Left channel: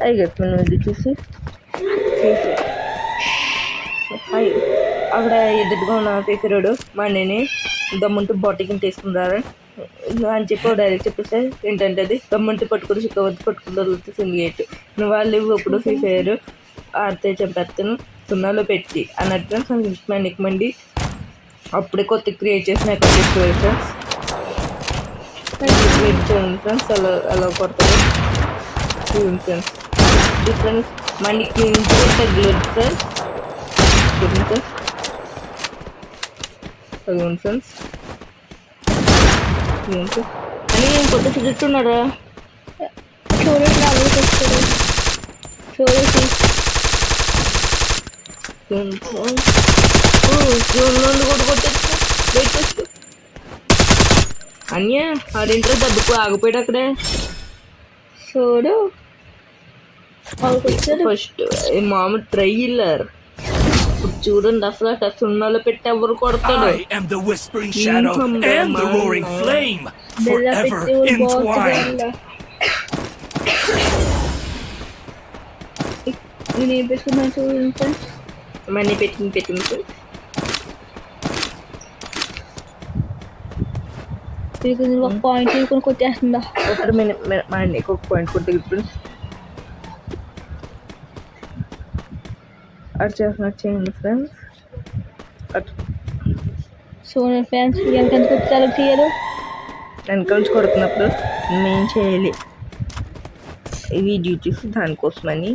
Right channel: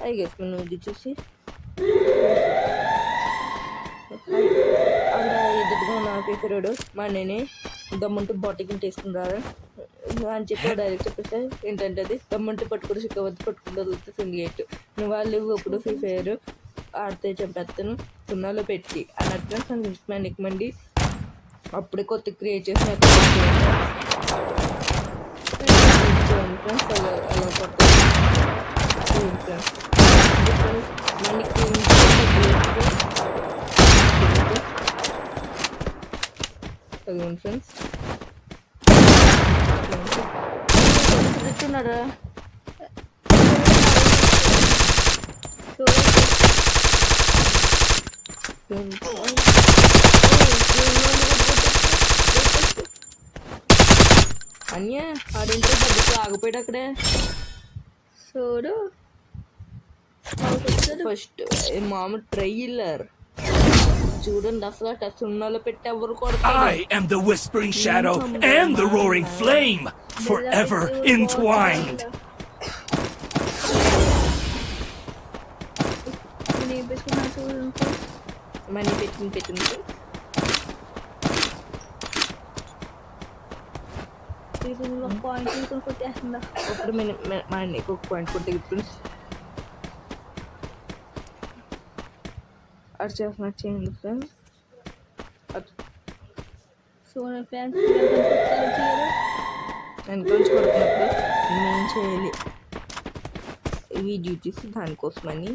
మనం ఇది చూసి అక్కడ ఎదురుగా ఉన్న ఫీకరుడు మా అన్నని దమ్ముంటూ బాటికి తీసుకుంటారు అని చెప్పి డైరెక్ట్ చెప్పేస్తే ఏంటంటే అది దమ్ముంటూ పట్టుకుని చిక్కవద్దు పట్టుకుంటూ సింగేట్ వాళ్ళు ఇప్పుడు ఫ్రీ ఫైర్ ఆడితే చంపేస్తాను సున్నాలో పెట్టి అన్నట్టుగా మనకి మండి అప్పుడే కొత్త క్రియేట్ చేసిన ఫ్రెండ్స్ అలా అలా కొడతాను friends difference money clean friends తిట్టున్నారా అన్య ఆడింట్లో దెబ్బకు ఆగిపోయాడు అక్కడే చూడు ఫస్ట్ మామూలు ట్రైలర్ చూడండి అసలు సున్నాలో పెట్టి ఎవరు కొడతారు I am the whispering shadow and the roaring flame, forever entwined. నేను పెట్టుకున్నాను చూడండి మనీ పెట్టింది ఒక పాయింట్ తీసుకొని కొట్టేస్తుందా ఒకటి మన నీకు ఒక పాయింట్ కొట్టి ఫ్రెండ్స్ అటు చేస్తున్నట్టు చేయండి ఫ్రెండ్స్ అటు చూడండి ఫ్రెండ్స్ ఎంత కొట్టారో తీయరు వెనక నుంచి కొడుతున్నప్పుడు నేను చేయాలి వీడియో చూసి దానికోసమని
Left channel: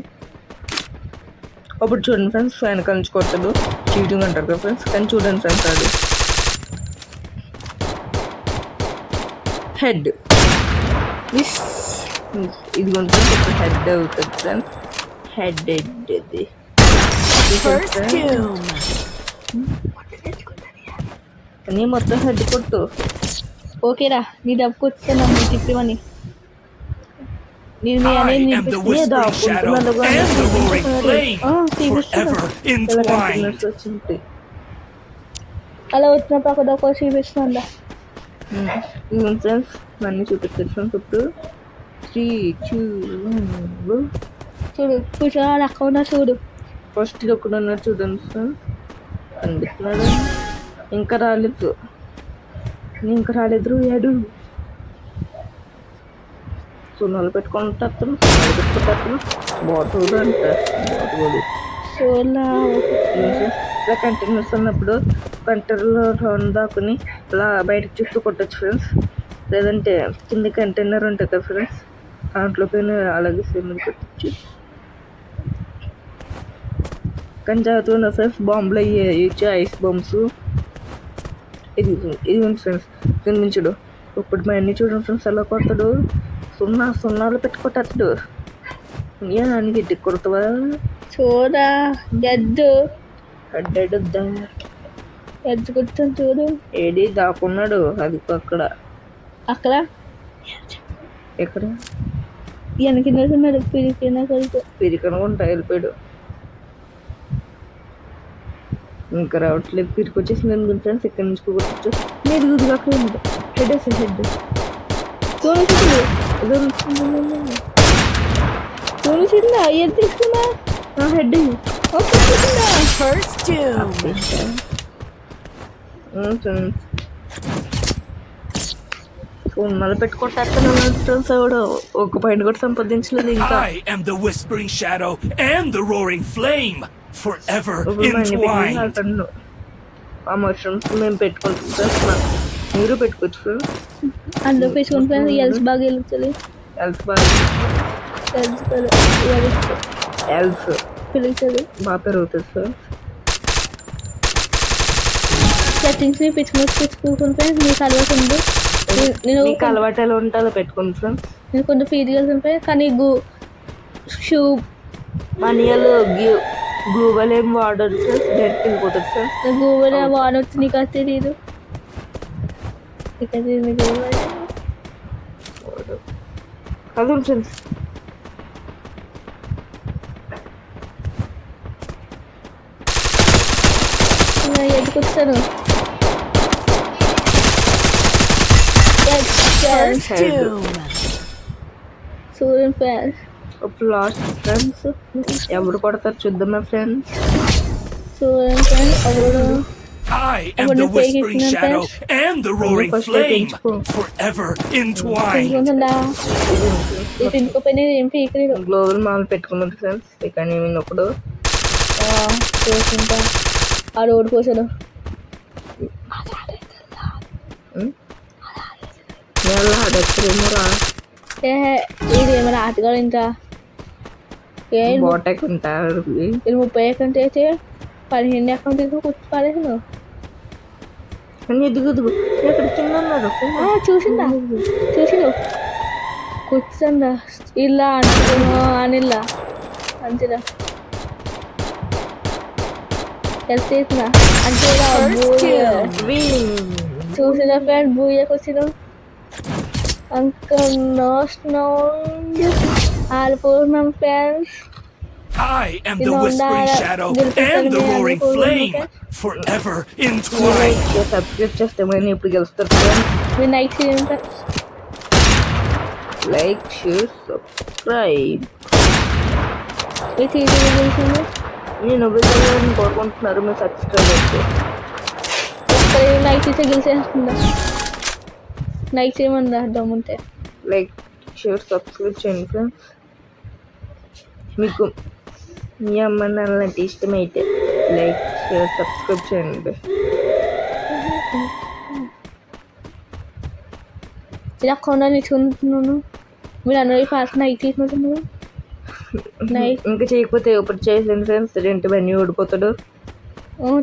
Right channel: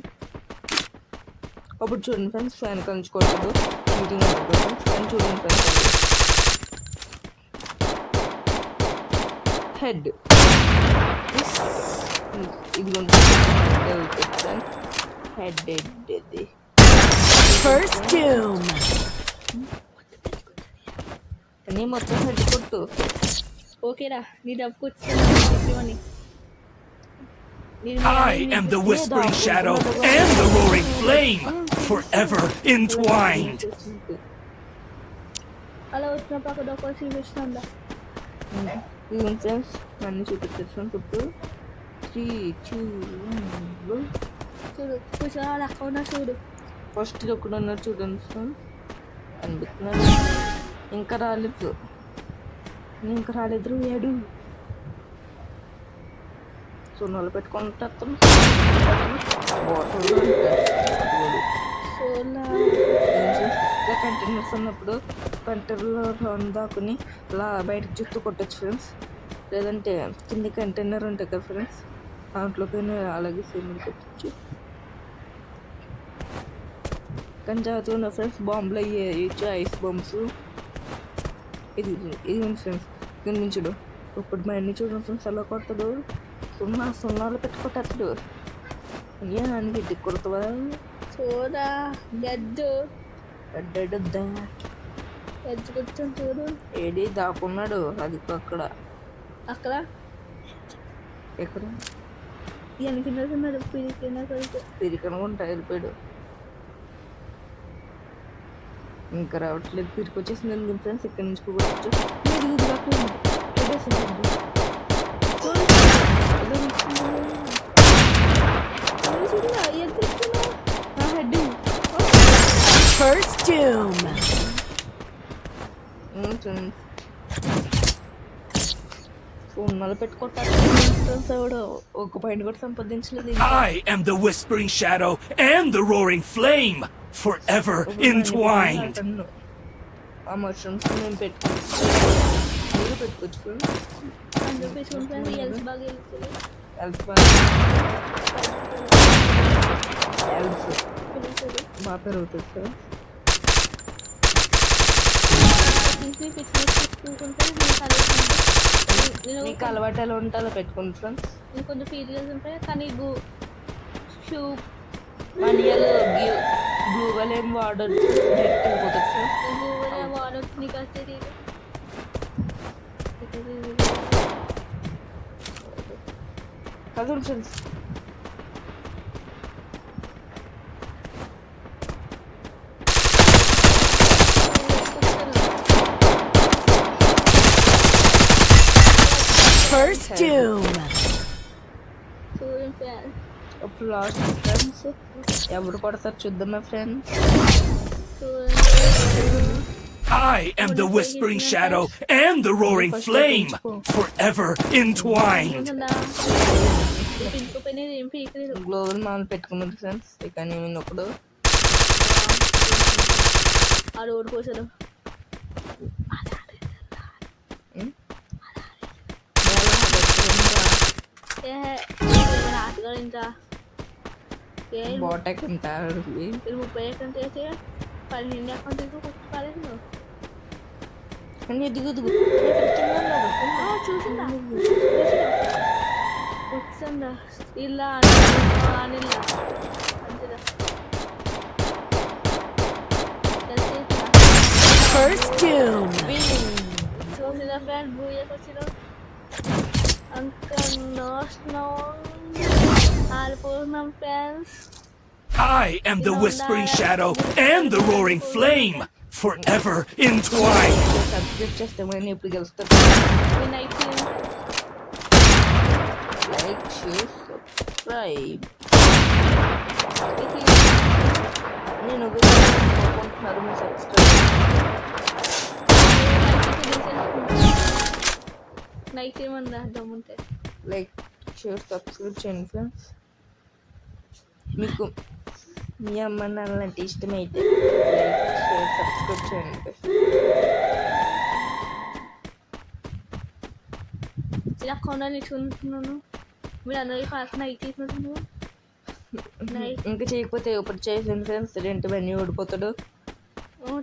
అప్పుడు చూడండి ఫ్రెండ్స్ వెనక నుంచి కొట్టదు చీటింగ్ అంటారు ఫ్రెండ్స్ కానీ చూడండి ఫ్రెండ్స్ అది హెడ్ ఇది హెడ్ అవుతుంది ఫ్రెండ్స్ హెడ్ ఇది First doom. కానీ మొత్తం హెడ్ కొట్టు ఓకేరా నీ డబ్బు కొట్టాను చెప్పివని I am the whispering shadow and the roaring flame, forever entwined. అలా వచ్చినప్పుడు అక్కడ ఒక చూపిస్తుందా ఫ్రెండ్స్ అన్నీ చూపిస్తారు ఫ్రెండ్స్ ఇప్పుడు 3 2 చూడు కూర్చోవాలి అక్క ఉన్నా చూడు ఫస్ట్ ఒకడు ఉన్నారు చూడండి ఫ్రెండ్స్ అందుకున్నాడు ఇంకా రాలేదు ఏడు సున్నాలు పెట్టుకుంటారు బాటిల్ సోలా ఇలా కంటైనర్స్ ఉన్నప్పుడు కంటైనర్లో రౌండ్ దాకుని ఇలా బయటకు చుట్టూ కొట్టచ్చు ఫ్రెండ్స్ లేదంటే కింద కంటైనర్ ఉంటుంది కదా ఫ్రెండ్స్ దాంట్లో పైన అలాగే సేమ్ కొట్టచ్చు కానీ జాగ్రత్తగా ఉన్న ఫ్రెండ్స్ బాంబులు వేయచ్చు ఐస్ బాంబ్స్ ఇది ఫ్రెండ్స్ కనిపించడు ఇప్పుడు మా అన్ని చూడండి ఫ్రెండ్స్ ఎలా కొడతాడు సున్నాలు పెట్టుకుంటాడు అన్ని గట్టి కొడతావా చూడా గడ్డు అడ్డడ్డా గడ్డు కొట్టాను చూడు ఏడి దాకున్నాడు అది అక్కడ ఎక్కడ వెనకిన్నాడు పిరికనుకుంటా వెళ్ళిపోయాడు ఇంకా రావట్లేదు పిరికి వచ్చేసింది అనుకుంది ఫ్రెండ్స్ ఇక్కడ నుంచి కూర్చో హెడ్ తీసుకున్నా హెడ్ First doom. ఉన్నాళ్ళు పెట్టుకుంటాడు ఒక పాయింట్ కూడా సంపాదించలేదు I am the whispering shadow and the roaring flame, forever entwined. ఆ మష్రూమ్స్ మేము పెట్టుకుంటాం మీరు పెట్టుకోవచ్చు అందులో పెట్టుకుంటాను ఎల్స్ బాగా వెళ్తుంది ఎల్స్ బాగా ఎల్స్ పెరుగుతుంది బాగా పెరుగుతుంది సార్ సెట్టింగ్స్ పెట్టుకుంటే మీకు అలవాటు ఉంది నేను అలవాటు ఎలా ఉంటే అలా పెట్టుకోండి ఫ్రెండ్స్ నేను కొంచెం ఫీజుగా ఉంటాయి కానీ షూ మనీలు గూగుల్ ఏం వాడచ్చు డైరెక్ట్ వెళ్ళిపోతుంది సార్ గూగుల్ వాడవచ్చు నీకు అది తెలియదు అదే ఫ్రెండ్స్ ఎందుకొచ్చాను First doom. సూర్యం ఫ్యాన్ ఇప్పుడు లాస్ట్ ఫ్రెండ్స్ ఎవరు కొడతారు చూద్దామా ఫ్రెండ్స్. చూడండి ఫ్రెండ్స్ ఎవరు I am the whispering shadow and the roaring flame, forever entwined. ఉంటుందా ఇటు ఇంకో పైన ఏం పీకలేదు గ్లోబల్ మాల్ పెట్టుకున్నారు ఫ్రెండ్స్. ఇక నేను ఒకడు చేసుకుంటా ఆ రోడ్ కోసలు ఏ ఇది ఏమైనా ఆటగాడు ఇంకా ఏ బాటక్ ఉంటారు. ఇది 30 అకౌంట్ అయితే 15 అకౌంట్ అయితే కూర్చోపాలేను కానీ ఎదుగు ఎక్కడ చిన్నారు చూసిందా చూసిరు కూర్చుందా ఇలా అనుకున్నా అనిలా అంతేలా తెలిసేసినా First kill. చూసిన ఫ్రెండ్ బూయకు వచ్చిన అంకల్ నోస్ట్ నో ఆల్పోతున్నాం friends I am the whispering shadow and the roaring flame, forever entwined. Subscribe చేస్తే మరి ఇప్పుడు గెలుస్తారు. మీ నైట్ చేయండి లైక్ షేర్ సబ్స్క్రైబ్. ఈ సీజన్ నేను కోరుకుంటున్నారు మీ సబ్స్క్రైబ్. నైట్ అయితే గెలిచేస్తుందా నైట్ చేయమన్నా దమ్ముంటే లైక్ షేర్ సబ్స్క్రైబ్ చేయండి ఫ్రెండ్స్. మీకు మీ అమ్మ నాన్నలంటే ఇష్టమైతే లైక్ షేర్ సబ్స్క్రైబ్ చేయండి. ఇలా కొనాలి చూస్తున్నాను మీరు అన్నది ఫాస్ట్ నైట్ తీసుకుంటున్నారు నైట్ ఇంకా చేయకపోతే ఇప్పుడు చేసాను ఫ్రెండ్స్. రెంట్ బన్నీ ఓడిపోతాడు.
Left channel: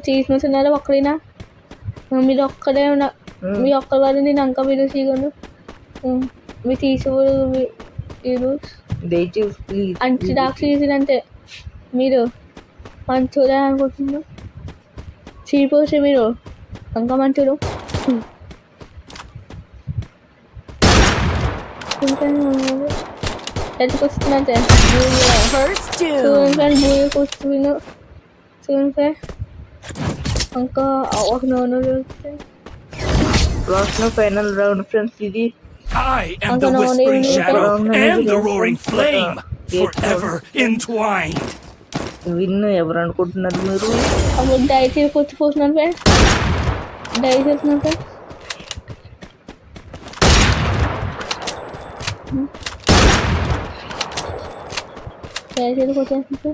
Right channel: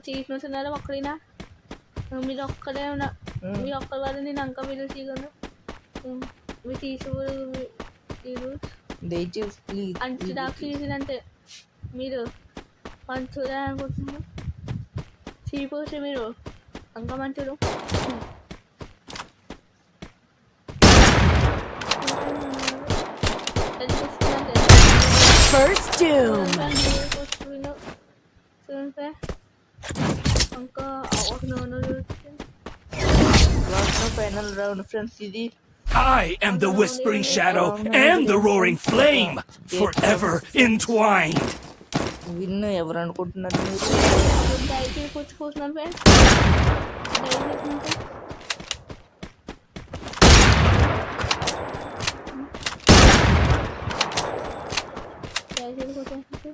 తీసుకుంటున్నారా ఒక్కడైనా మీరు ఒక్కడే మీ ఒక్క వాళ్ళు నేను అంక మీరు చేయగలను మీరు తీసుకోడు మీరు దయచేసి ప్లీజ్ అంచి డాక్టర్ చేసినంటే మీరు మంచోడే అనుకుంటున్నారు చీపోతే మీరు అంక మంచోడు ఎట్టుకొస్తున్నట్టే First doom. కూర్చుని చూడండి ఇంకా ఒక నూనె లాస్ట్ ఫైనల్ రౌండ్ ఫ్రెండ్స్. ఇది I am the whispering shadow and the roaring flame, forever entwined. Win ఎవరు అనుకుంటున్నారు మీరు? అప్పుడు దయచేసి కూర్చిపోతున్నాను ఫ్రెండ్ దయచేస్తున్నాను ఫ్రెండ్ దయచేసి కూర్చోండి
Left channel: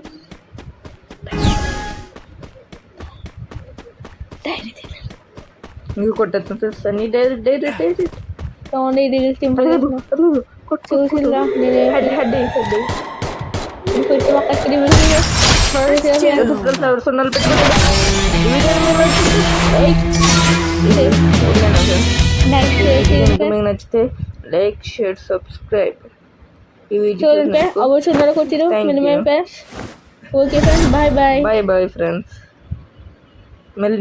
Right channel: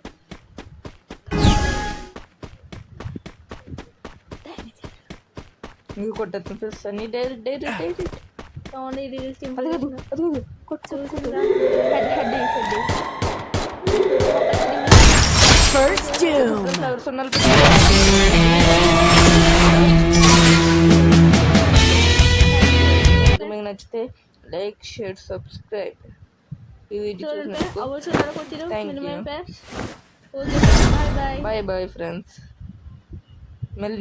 మీకు కొట్టేస్తాను ఫ్రెండ్స్. అన్ని డైరెక్ట్ సౌండ్ ఇది సింపుల్ చూసిందా First doom. మీకు నచ్చితే లైక్ షేర్ సబ్స్క్రైబ్. ఈ వీడియో చూడండి అవ్వ చూడాలి కొట్టిరు minimum okay bye bye bye bye friends. మళ్ళీ